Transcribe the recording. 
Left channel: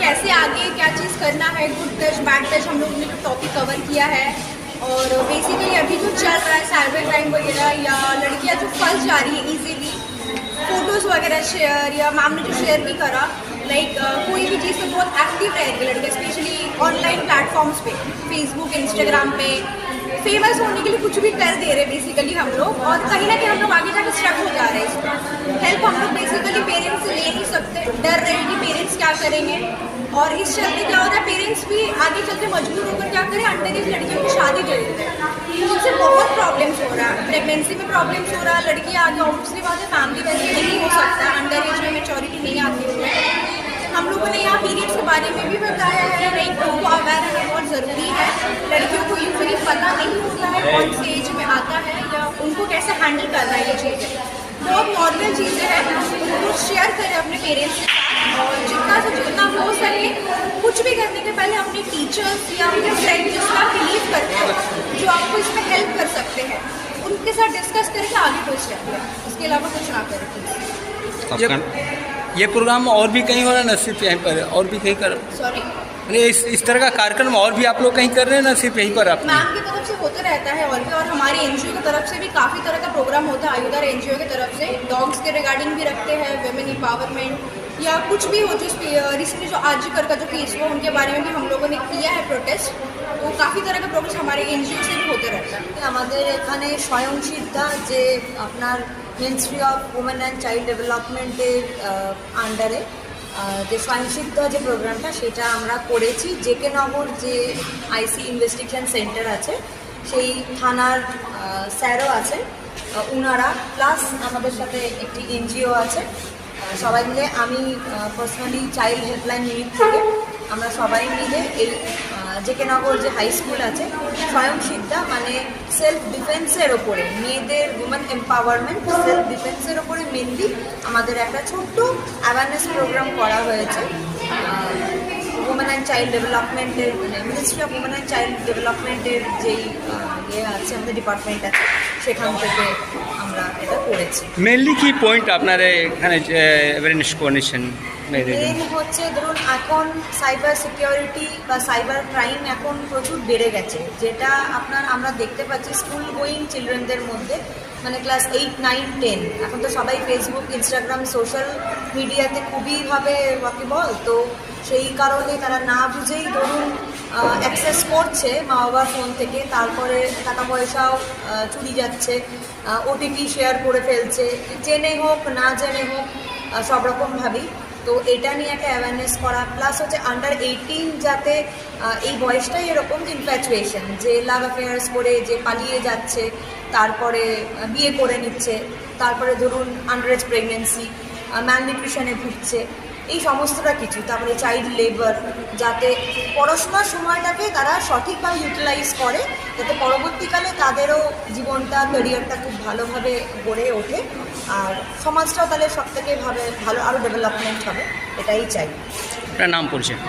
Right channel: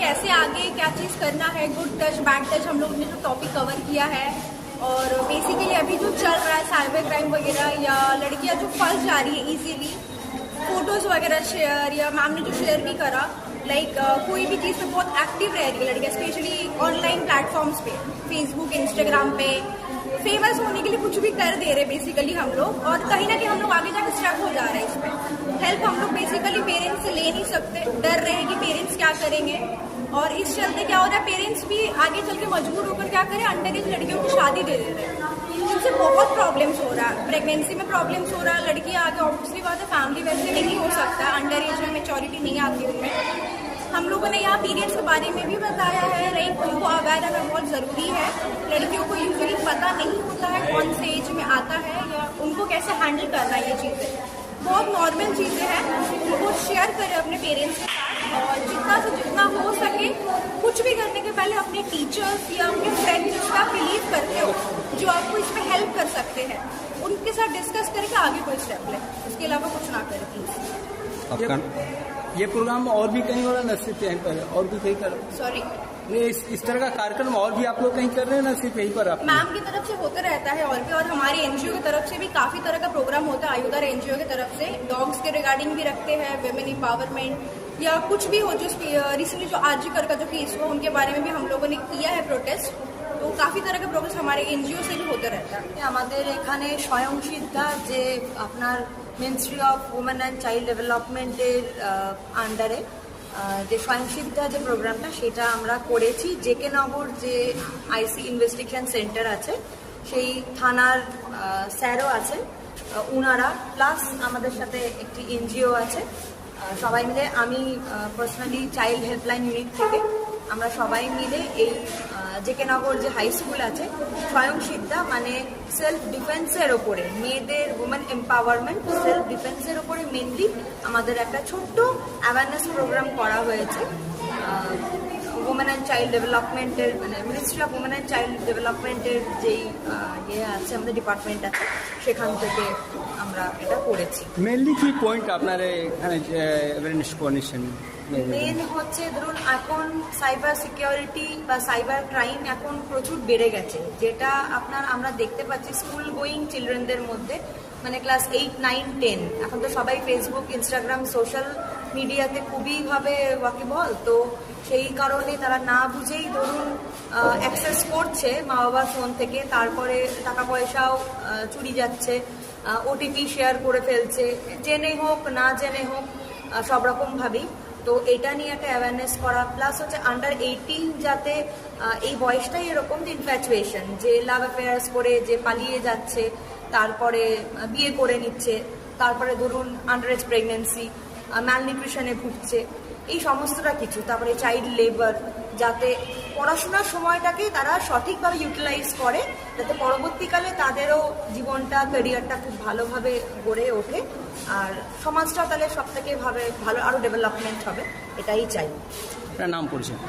कैसे आगे क्या चीज़ करना है गुड टच बैड टच हम लोग ने टॉपिक कवर किया है। और बेसिकली अभी जो चल रहा है साइबर क्राइम वगैरह या लड़कियाँ जो फंस जा रही है इजीली फ़ोटोज़ वगैरह शेयर या मैम ने जो शेयर नहीं करा लाइक कोई भी चीज़ में बहुत एक्टिव रहेगी लड़के स्पेशली ऑनलाइन प्लेटफॉर्म्स पे फेसबुक इंस्टाग्राम पे। फ़ेमस होने के लिए कुछ भी कर दे रहे बेसिकली हम लोग, और कहीं ना कहीं हम लोग आगे जाकर स्ट्रक हो जा रहे हैं। हेल्प हम लोग बेसिकली पेरेंट्स से ले नहीं सकते डर रहे हैं कि पेरेंट्स क्या करेंगे और इस चलते क्या होता है पेरेंट्स भी आगे चल के मजबूर होकर क्या करें अंडर एज लड़कियों की शादी कर देते हैं उनसे बहुत प्रॉब्लम्स हो रहा है। प्रेगनेंसी में प्रॉब्लम्स हो रहा है लड़कियाँ आगे ऑब्वियसली बात है फैमिली वैसे नहीं हो सकता अंडर एज में मेचोरिटी नहीं आती। है हम लोगों ने यहाँ पीरियड्स के बारे में भी बताया है लाइक उनको अवेयर रहना बहुत ज़रूरी है। लड़कियों को यूजली पता नहीं होता है कौन से एज में आता है या उनको कैसे हैंडल करना है ये चीज़ें। बहुत नॉर्मल चीज़ें हैं, उनको शेयर करें अपने पेरेंट्स के साथ। और जितना से जितना हो सके कुछ भी करने के पहले अपने टीचर्स या अपने फ्रेंड जिसका आप बिलीव करते हो जो आपको इसमें हेल्प कर सकते हैं उनके साथ डिस्कस करके आगे कोई स्टेप लें इसके अलावा कुछ ना करें। ये प्रोग्राम और भी कहीं हो नसीब है ना सिर्फ़ यहीं पर और भी कहीं कर सॉरी इस इस तरह का कार्यक्रम और भी आप लोग कहीं कर रहे हैं ना सिर्फ यहीं पर आप मैम की तरफ से होते रहता है और भी और हमारे एनजीओ की तरफ से भी काफ़ी तरह का प्रोग्राम होता है आयुधर एनजीओ की तरफ से डॉग्स के रिगार्डिंग भी रखते हैं वेमेन एम्पावरमेंट या कुछ भी हो जो रिसेंटली जो आजीकर का जो केस हुआ उनके बारे में भी हम लोगों ने किया है प्रोटेस्ट तो काफ़ी तरह का प्रोग्रेस हमारे एनजीओ से भी होते रहता है আমাদের এখানে স্বয়ংসিদ্ধা যে আপনার ministry of women and child ডেভেলপমেন্টের আন্ডারে যে স্বয়ংসিদ্ধা যে প্রোগ্রামটা সেটা আমরা করেছি। জেকে নগর যে আইসি ইনভেস্টিগেশন সেন্টার আছে, সেই থানার স্যারও আছে উনারা প্লাস আমাদের সাথে একটি এনজিও আছে। সবাই মিলে আমি পার্সোনালি চাইল্ড হেল্পলাইন ইউনিট থেকে আমরা সবাই মিলে এই জেকে নগর যে হাই স্কুল আছে স্বয়ংসিদ্ধা মানে সেলফ ডিফেন্সের ওপরে, মেয়েদের উমেন এম্পাওয়ারমেন্ট সেলফ ডিফেন্সের ওপরে মেনলি আমাদের একটা ছোট্ট অ্যাওয়ারনেস প্রোগ্রাম করা হয়েছে উমেন অ্যান্ড চাইল্ড ডেভেলপমেন্টের মানে ministry of women and child ডেভেলপমেন্টের যেই ইয়ে আছে, আমাদের ডিপার্টমেন্ট আছে, সেখান থেকে আমরা এটা করেছি মেনলি কি পয়েন্ট আপনারা এখানে অ্যাওয়ারনেস করেছেন? মেন হচ্ছে ধরুন এখন সাইবার সিকিউরিটি বা সাইবার ক্রাইম এখন প্রচুর বেড়ে গেছে। যেটা আপনার আমরা দেখতে পাচ্ছি স্কুল গোয়িং চিলড্রেনদের মধ্যে মানে ক্লাস এইট নাইন টেন এখন তো সবাই ফেসবুক ইনস্টাগ্রাম সোশ্যাল মিডিয়াতে খুবইভাবে ওয়াকিবল তো সেই কারণে তারা না বুঝেই ধরুন অ্যাক্সেস করছে মা বাবার ফোন থেকে তারপরে টাকা পয়সাও চুরি যাচ্ছে ওটিপি শেয়ার করে ফেলছে জেনে হোক না জেনে হোক সব রকমভাবেই তো এটা নিয়ে একটা অ্যাওয়ারনেস করা প্লাস হচ্ছে আন্ডার এইটিন যাতে এই বয়সটাই এরকম ইনফ্যাচুয়েশন যে লাভ অ্যাফেয়ার্স করে যে পালিয়ে যাচ্ছে, তারপরে বিয়ে করে নিচ্ছে, তারপরে ধরুন আন্ডারেজ প্রেগনেন্সি ম্যালনিউট্রিশনে ভুগছে। এই সমস্তটা কিছু, তারপরে চাইল্ড লেবার যাতে পড়াশোনার সময়টাকে তারা সঠিকভাবে ইউটিলাইজ করে, যাতে পরবর্তীকালে তাদেরও জীবনটা ক্যারিয়ারটা খুব ভালোভাবে গড়ে ওঠে, আর সমাজটাও তাহলে সব থেকে ভাবে, ভালো আরও ডেভেলপমেন্ট হবে, এটাই চাই। নাম পরিচয়?